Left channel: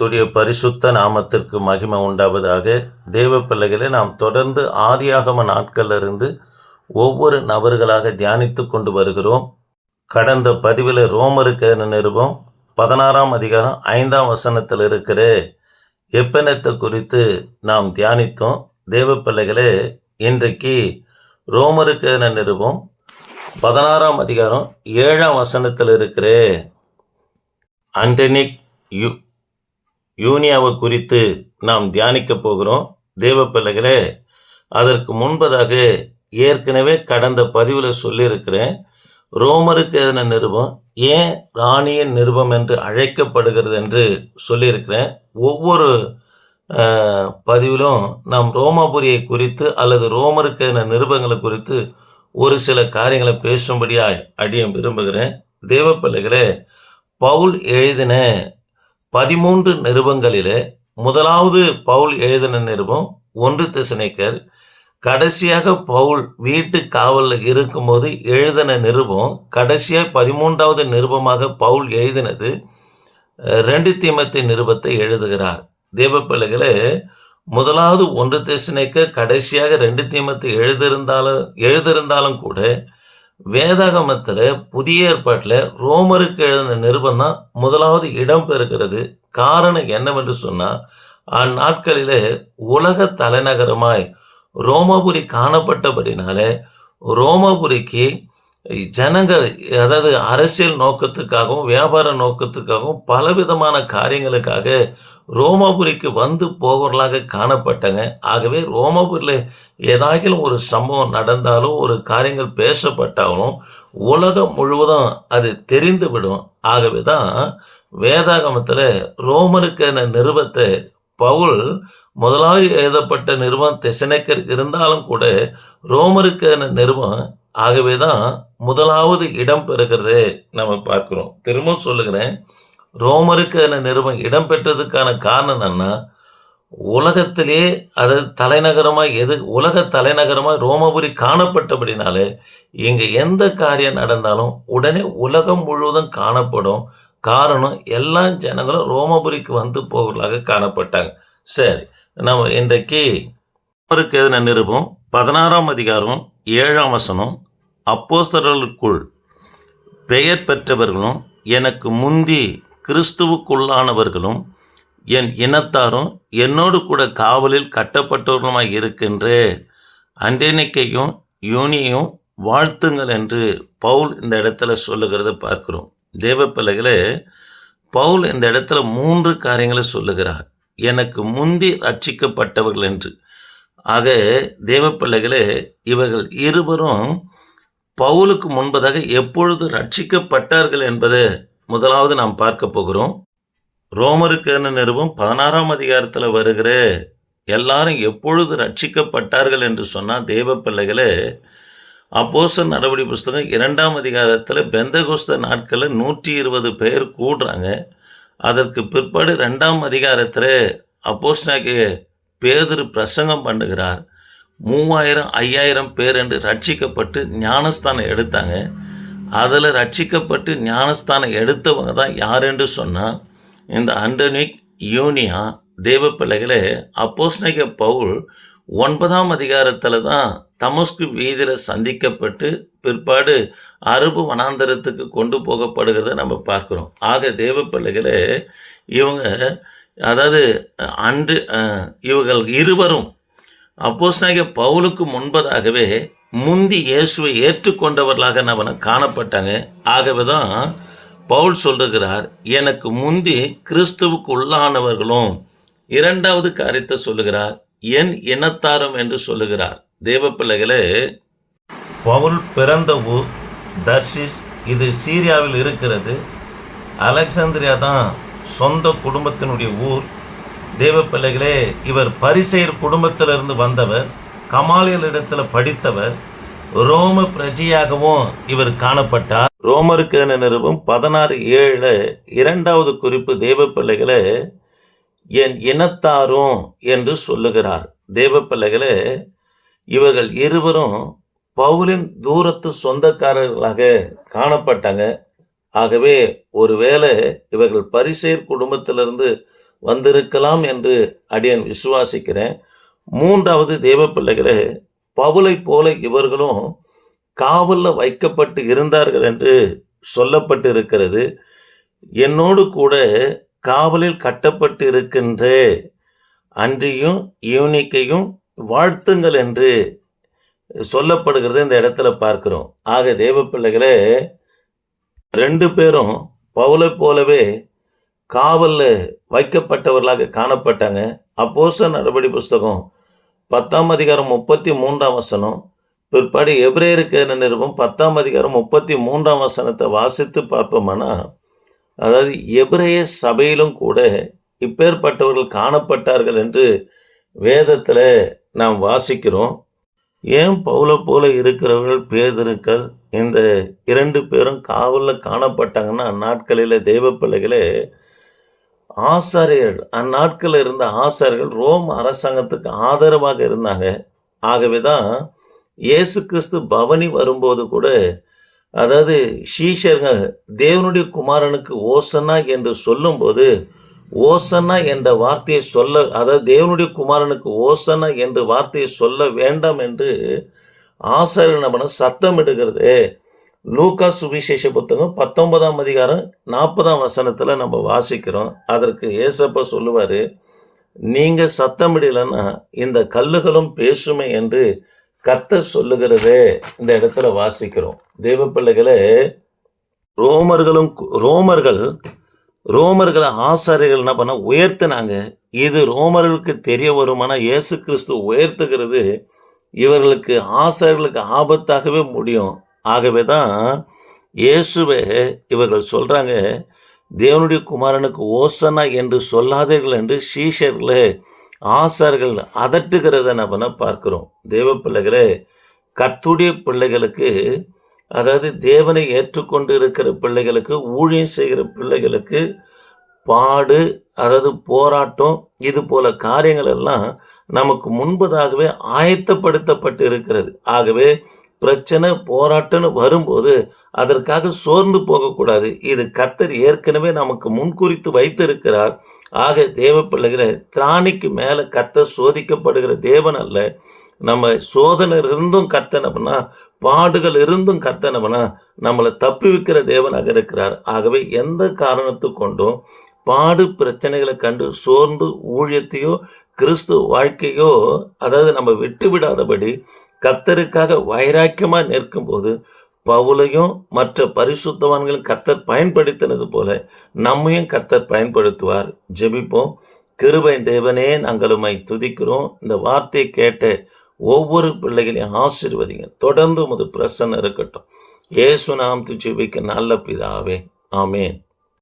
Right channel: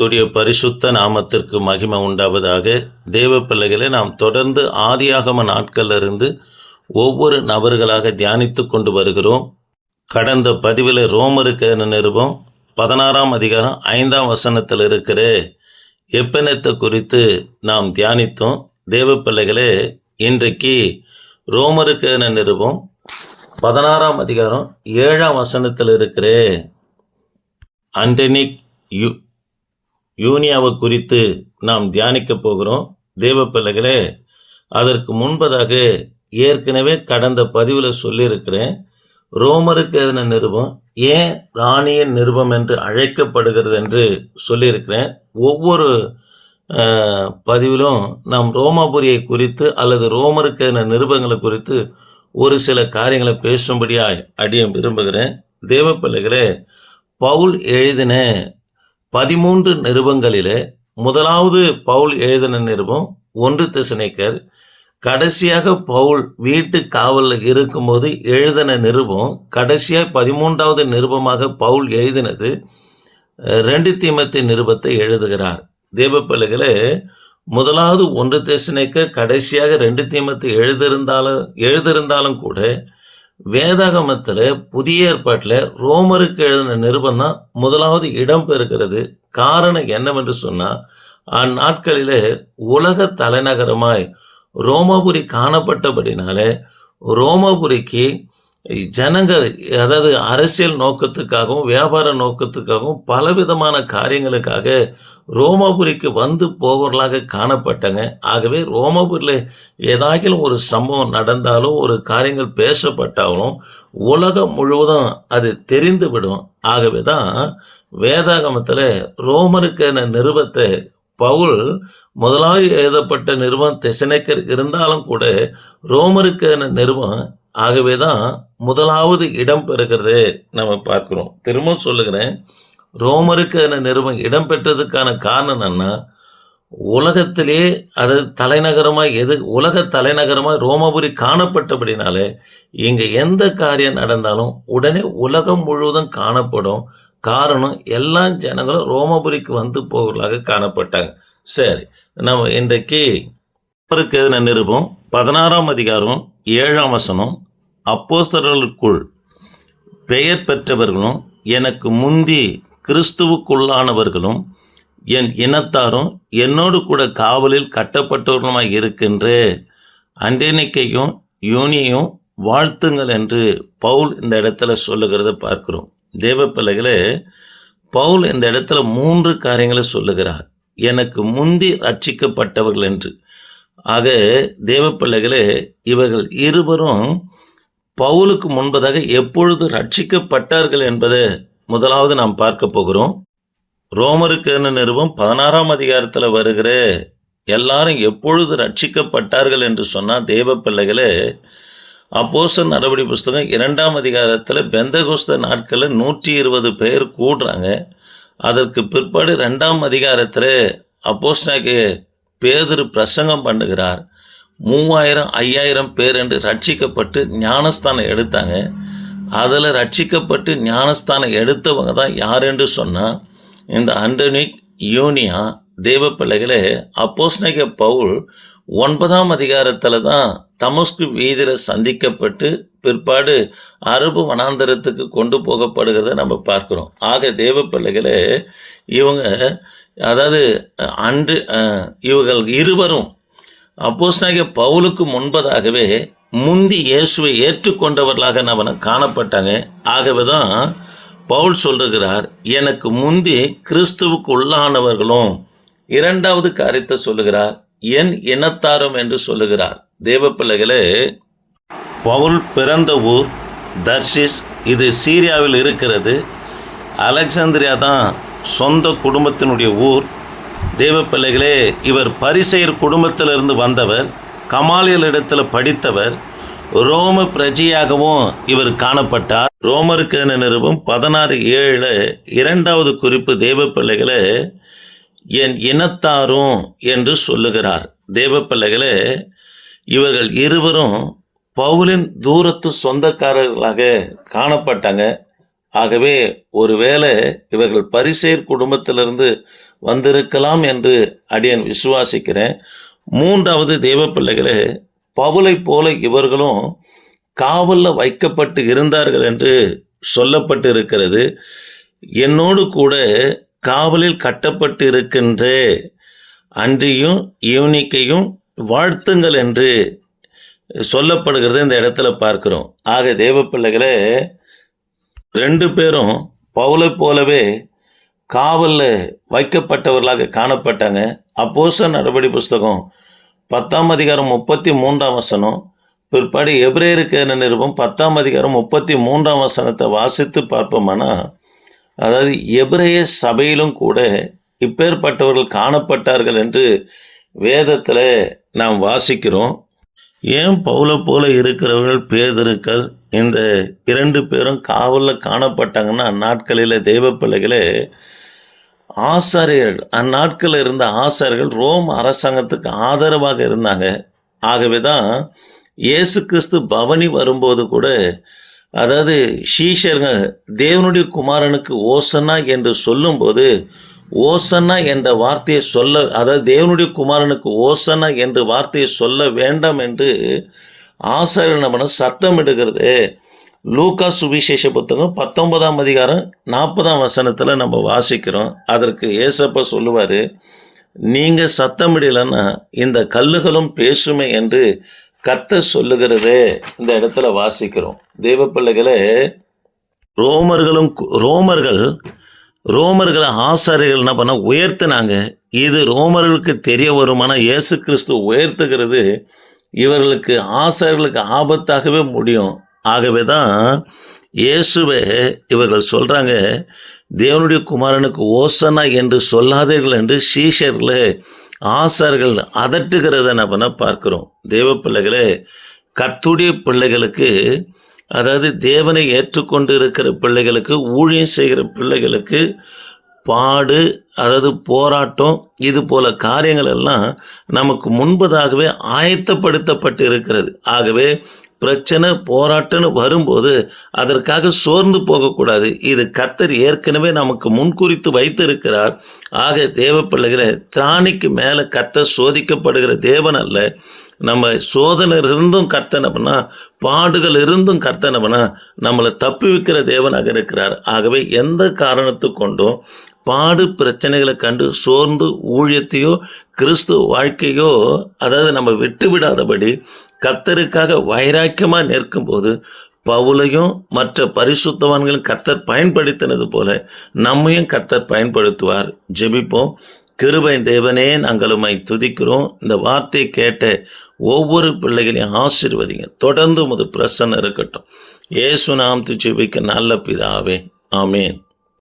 துடைய பரிசுத்த நாமத்திற்கு மகிமை உண்டாவதாக தேவ பிள்ளைகளை நாம் தொடர்ந்து ஆதியாகம நாட்களிலிருந்து ஒவ்வொரு நபர்களாக தியானித்து கொண்டு வருகிறோம். கடந்த பதிவில் ரோமருக்கு நிருபம்? பதினாறாம் அதிகாரம் ஐந்தாம் வசனத்தில் இருக்கிற எப்பனத்தை குறித்து நாம் தியானித்தோம்? தேவ பிள்ளைகளே இன்றைக்கு ரோமருக்கு நிருபம்? பதினாறாம் அதிகாரம் ஏழாம் வசனத்தில் இருக்கிற அண்டனிக் யு யூனியாவை குறித்து நாம் தியானிக்க போகிறோம். தேவ பிள்ளைகளே அதற்கு முன்பதாக ஏற்கனவே கடந்த பதிவில் சொல்லியிருக்கிறேன். ரோமருக்கு எதின நிருபம்? ஏன் ராணியின் நிருபம் என்று அழைக்கப்படுகிறது என்று சொல்லியிருக்கிறேன். ஒவ்வொரு பதிவிலும் நாம் ரோமாபுரியை குறித்து அல்லது ரோமருக்கு எதின நிருபங்களை குறித்து ஒரு சில காரியங்களை பேசும்படியாய் அடியும் விரும்புகிறேன். தேவ பிள்ளைகளே பவுல் எழுதின பதிமூன்று நிருபங்களிலே முதலாவது பவுல் எழுதின நிருபம் ஒன்று திசனைக்கர். கடைசியாக பவுல் வீட்டு காவலில் இருக்கும்போது எழுதின நிருபம் கடைசியாக பதிமூன்றாவது நிருபமாக பவுல் எழுதினது. ரெண்டு தீமத்தை நிருபத்தை எழுதுகிறார். தேவ பிள்ளைகளே முதலாவது ஒன்று தேசனைக்கர் கடைசியாக ரெண்டு தீமத்தை எழுதியிருந்தாலும் எழுதியிருந்தாலும் கூட வேதாகமத்தில் புதிய ஏற்பாட்டில் ரோமருக்கு எழுதின நிருபந்தான் முதலாவது இடம் பெறுகிறது. காரணம் என்னவென்று சொன்னால் அந்நாட்களிலே உலக தலைநகரமாய் ரோமாபுரி காணப்பட்டபடினாலே ரோமாபுரிக்கு ஜனங்கள் அதாவது அரசியல் நோக்கத்துக்காகவும் வியாபார நோக்கத்துக்காகவும் பலவிதமான காரியங்களுக்காக ரோமாபுரிக்கு வந்து போகிறவர்களாக காணப்பட்டாங்க. ஆகவே ரோமாபுரியில் ஏதாகிலும் ஒரு சம்பவம் நடந்தாலும் ஒரு காரியங்கள் பேசப்பட்டாலும் உலகம் முழுவதும் அது தெரிந்துவிடும். ஆகவே தான் வேதாகமத்தில் ரோமருக்கான நிறுவத்தை பவுல் முதலாவது எழுதப்பட்ட நிறுவம் தெசனைக்கர் இருந்தாலும் கூட ரோமருக்கான என ஆகவே தான் முதலாவது இடம் பெறுகிறதே நம்ம பார்க்குறோம். திரும்பவும் சொல்லுகிறேன் ரோமருக்கு அந்த நிருபம் இடம் பெற்றதுக்கான காரணம் என்னன்னா உலகத்திலே அது தலைநகரமாக எது உலக தலைநகரமாக ரோமபுரி காணப்பட்டபடினாலே இங்கே எந்த காரியம் நடந்தாலும் உடனே உலகம் முழுவதும் காணப்படும். காரணம் எல்லா ஜனங்களும் ரோமபுரிக்கு வந்து போவர்களாக காணப்பட்டாங்க. சரி நம்ம இன்றைக்கு ரோமருக்கு எதின நிருபம் பதினாறாம் அதிகாரம் ஏழாம் வசனம் அப்போஸ்தலர்களுக்குள் பெயர் பெற்றவர்களும் எனக்கு முந்தி கிறிஸ்துவுக்குள்ளானவர்களும் என் இனத்தாரும் என்னோடு கூட காவலில் கட்டப்பட்டவர்களுமாய் இருக்கின்ற. அண்டேனிக்கையும் யூனியும் வாழ்த்துங்கள் என்று பவுல் இந்த இடத்துல சொல்லுகிறத பார்க்கிறோம். தேவ பிள்ளைகளே பவுல் இந்த இடத்துல மூன்று காரியங்களை சொல்லுகிறார். எனக்கு முந்தி ரட்சிக்கப்பட்டவர்கள் என்று. ஆக தேவ பிள்ளைகளே இவர்கள் இருவரும் பவுலுக்கு முன்பதாக எப்பொழுது ரட்சிக்கப்பட்டார்கள் என்பது முதலாவது நாம் பார்க்க போகிறோம். ரோமருக்கு நிறுவம் பதினாறாம் அதிகாரத்தில் வருகிற எல்லாரும் எப்பொழுது ரட்சிக்கப்பட்டார்கள் என்று சொன்னால் தேவ பிள்ளைகளே அப்போசன் நடவடி புஸ்தகம் இரண்டாம் அதிகாரத்தில் பெந்தகோஸ்த நாட்களில் நூற்றி இருபது பேர் கூடுறாங்க. அதற்கு பிற்பாடு ரெண்டாம் அதிகாரத்தில் அப்போஸ்டாக்கு பேதுரு பிரசங்கம் பண்ணுகிறார். மூவாயிரம் ஐயாயிரம் பேர் என்று ரட்சிக்கப்பட்டு ஞானஸ்தானம் எடுத்தாங்க. அதில் ரட்சிக்கப்பட்டு ஞானஸ்தானம் எடுத்தவங்க தான் யார் என்று சொன்னால் இந்த அண்டனிக் யூனியா தேவ பிள்ளைகளே அப்போஸ்தலனாகிய பவுல் ஒன்பதாம் அதிகாரத்தில் தான் தமஸ்கு வீதியில் சந்திக்கப்பட்டு பிற்பாடு அரபு வனாந்தரத்துக்கு கொண்டு போகப்படுகிறத நம்ம பார்க்குறோம். ஆக தேவ பிள்ளைகளே இவங்க அதாவது அன்று இவர்கள் இருவரும் அப்போஸ்தலனாகிய பவுலுக்கு முன்பதாகவே முந்தி இயேசுவை ஏற்றுக்கொண்டவர்களாக நம்ம காணப்பட்டாங்க ஆகவே தான் பவுல் சொல்லுகிறார் எனக்கு முந்தி கிறிஸ்துவுக்கு உள்ளானவர்களும் இரண்டாவது காரியத்தை சொல்லுகிறார் என் இனத்தாரும் என்று சொல்லுகிறார். தேவ பிள்ளைகளே பவுல் பிறந்த ஊர் தர்ஷிஸ் இது சீரியாவில் இருக்கிறது. அலெக்சாந்திரியா தான் சொந்த குடும்பத்தினுடைய ஊர். தேவ பிள்ளைகளே இவர் பரிசெயர் குடும்பத்திலிருந்து வந்தவர் கமாலியல் இடத்துல படித்தவர் ரோம பிரஜையாகவும் இவர் காணப்பட்டார். ரோமருக்கு என பதினாறு ஏழு இரண்டாவது குறிப்பு தேவப்பிள்ளைகளே என் இனத்தாரும் என்று சொல்லுகிறார். தேவ பிள்ளைகளே இவர்கள் இருவரும் பவுலின் தூரத்து சொந்தக்காரர்களாக காணப்பட்டாங்க. ஆகவே ஒருவேளை இவர்கள் பரிசேர் குடும்பத்திலிருந்து வந்திருக்கலாம் என்று அடியன் விசுவாசிக்கிறேன். மூன்றாவது தேவ பிள்ளைகளே பவுலை போல இவர்களும் காவலில் வைக்கப்பட்டு இருந்தார்கள் என்று சொல்லப்பட்டு இருக்கிறது என்னோடு கூட காவலில் கட்டப்பட்டு இருக்கின்ற அன்றியும் யூனிக்கையும் வாழ்த்துங்கள் என்று சொல்லப்படுகிறது இந்த இடத்துல பார்க்கிறோம். ஆக தேவ பிள்ளைகளே ரெண்டு பேரும் பவுலை போலவே காவலில் வைக்கப்பட்டவர்களாக காணப்பட்டாங்க. அப்போஸ்தலர் நடபடி புஸ்தகம் பத்தாம் அதிகாரம் முப்பத்தி மூன்றாம் வசனம். பிற்பாடு எபிரேயருக்கு நிருபம்? பத்தாம் அதிகாரம் முப்பத்தி மூன்றாம் வசனத்தை வாசித்து பார்ப்போம்னா? அதாவது எப்ரேய சபையிலும் கூட இப்பேற்பட்டவர்கள் காணப்பட்டார்கள் என்று வேதத்தில் நாம் வாசிக்கிறோம். ஏன் பவுல போல இருக்கிறவர்கள் பேதருக்கள்? இந்த இரண்டு பேரும் காவலில் காணப்பட்டாங்கன்னா அந்நாட்களில் தெய்வ பிள்ளைகளே ஆசாரியர்கள் அந்நாட்களில் இருந்த ஆசாரியர்கள் ரோம் அரசாங்கத்துக்கு ஆதரவாக இருந்தாங்க. ஆகவே தான் இயேசு கிறிஸ்து பவனி வரும்போது கூட அதாவது ஷீஷர்கள் தேவனுடைய குமாரனுக்கு ஓசன்னா என்று சொல்லும்போது ஓசன்னா என்ற வார்த்தையை சொல்ல அதாவது தேவனுடைய குமாரனுக்கு ஓசன்னா என்ற வார்த்தையை சொல்ல வேண்டாம் என்று ஆசாரியர் நம்ம சத்தமிடுகிறது லூகா சுவிசேஷ புத்தகம் பத்தொன்பதாம் அதிகாரம் நாற்பதாம் வசனத்தில் நம்ம வாசிக்கிறோம். அதற்கு ஏசப்ப சொல்லுவார் நீங்கள் சத்தமிடலைன்னா இந்த கல்லுகளும் பேசுமே என்று கத்த சொல்லுகிறதே இந்த இடத்துல வாசிக்கிறோம். தெய்வ பிள்ளைகளே ரோமர்களும் ரோமர்கள் ரோமர்களை ஆசாரியர்கள் என்ன பண்ண உயர்த்தினாங்க. இது ரோமர்களுக்கு தெரிய வருமானா இயேசு கிறிஸ்து உயர்த்துகிறது இவர்களுக்கு ஆசாரியர்களுக்கு ஆபத்தாகவே முடியும். ஆகவே தான் இயேசுவே இவர்கள் சொல்கிறாங்க தேவனுடைய குமாரனுக்கு ஓசனா என்று சொல்லாதீர்கள் என்று சீஷர்களே ஆசார்கள் அதட்டுகிறத நம்ம பார்க்குறோம். தேவ பிள்ளைகளே கத்துடைய பிள்ளைகளுக்கு அதாவது தேவனை ஏற்றுக்கொண்டு இருக்கிற பிள்ளைகளுக்கு ஊழியம் செய்கிற பிள்ளைகளுக்கு பாடு அதாவது போராட்டம் இது போல காரியங்கள் எல்லாம் நமக்கு முன்பதாகவே ஆயத்தப்படுத்தப்பட்டு இருக்கிறது. ஆகவே பிரச்சனை போராட்டம்னு வரும்போது அதற்காக சோர்ந்து போகக்கூடாது. இது கத்தர் ஏற்கனவே நமக்கு முன்குறித்து வைத்திருக்கிறார். ஆக தேவ பிள்ளைகளை திராணிக்கு மேலே கத்தர் சோதிக்கப்படுகிற தேவன் அல்ல. நம்ம சோதனை இருந்தும் கர்த்தனம்னா பாடுகள் இருந்தும் கர்த்தனம்னா நம்மளை தப்பி வைக்கிற தேவனாக இருக்கிறார். ஆகவே எந்த காரணத்து கொண்டும் பாடு பிரச்சனைகளை கண்டு சோர்ந்து ஊழியத்தையோ கிறிஸ்து வாழ்க்கையோ அதாவது நம்ம விட்டு விடாதபடி கத்தருக்காக வைராக்கியமாக நிற்கும்போது பவுலையும் மற்ற பரிசுத்தவான்களும் கத்தர் பயன்படுத்தினது போல நம்மையும் கத்தர் பயன்படுத்துவார். ஜெபிப்போம். கிருபை தேவனே நாங்கள் உமை துதிக்கிறோம். இந்த வார்த்தையை கேட்ட ஒவ்வொரு பிள்ளைகளையும் ஆசிர்வதிங்க. தொடர்ந்து உமது பிரசன்னம் இருக்கட்டும். ஏசு நாம் துச்சிபிக்க நல்ல பிதாவே. ஆமேன்.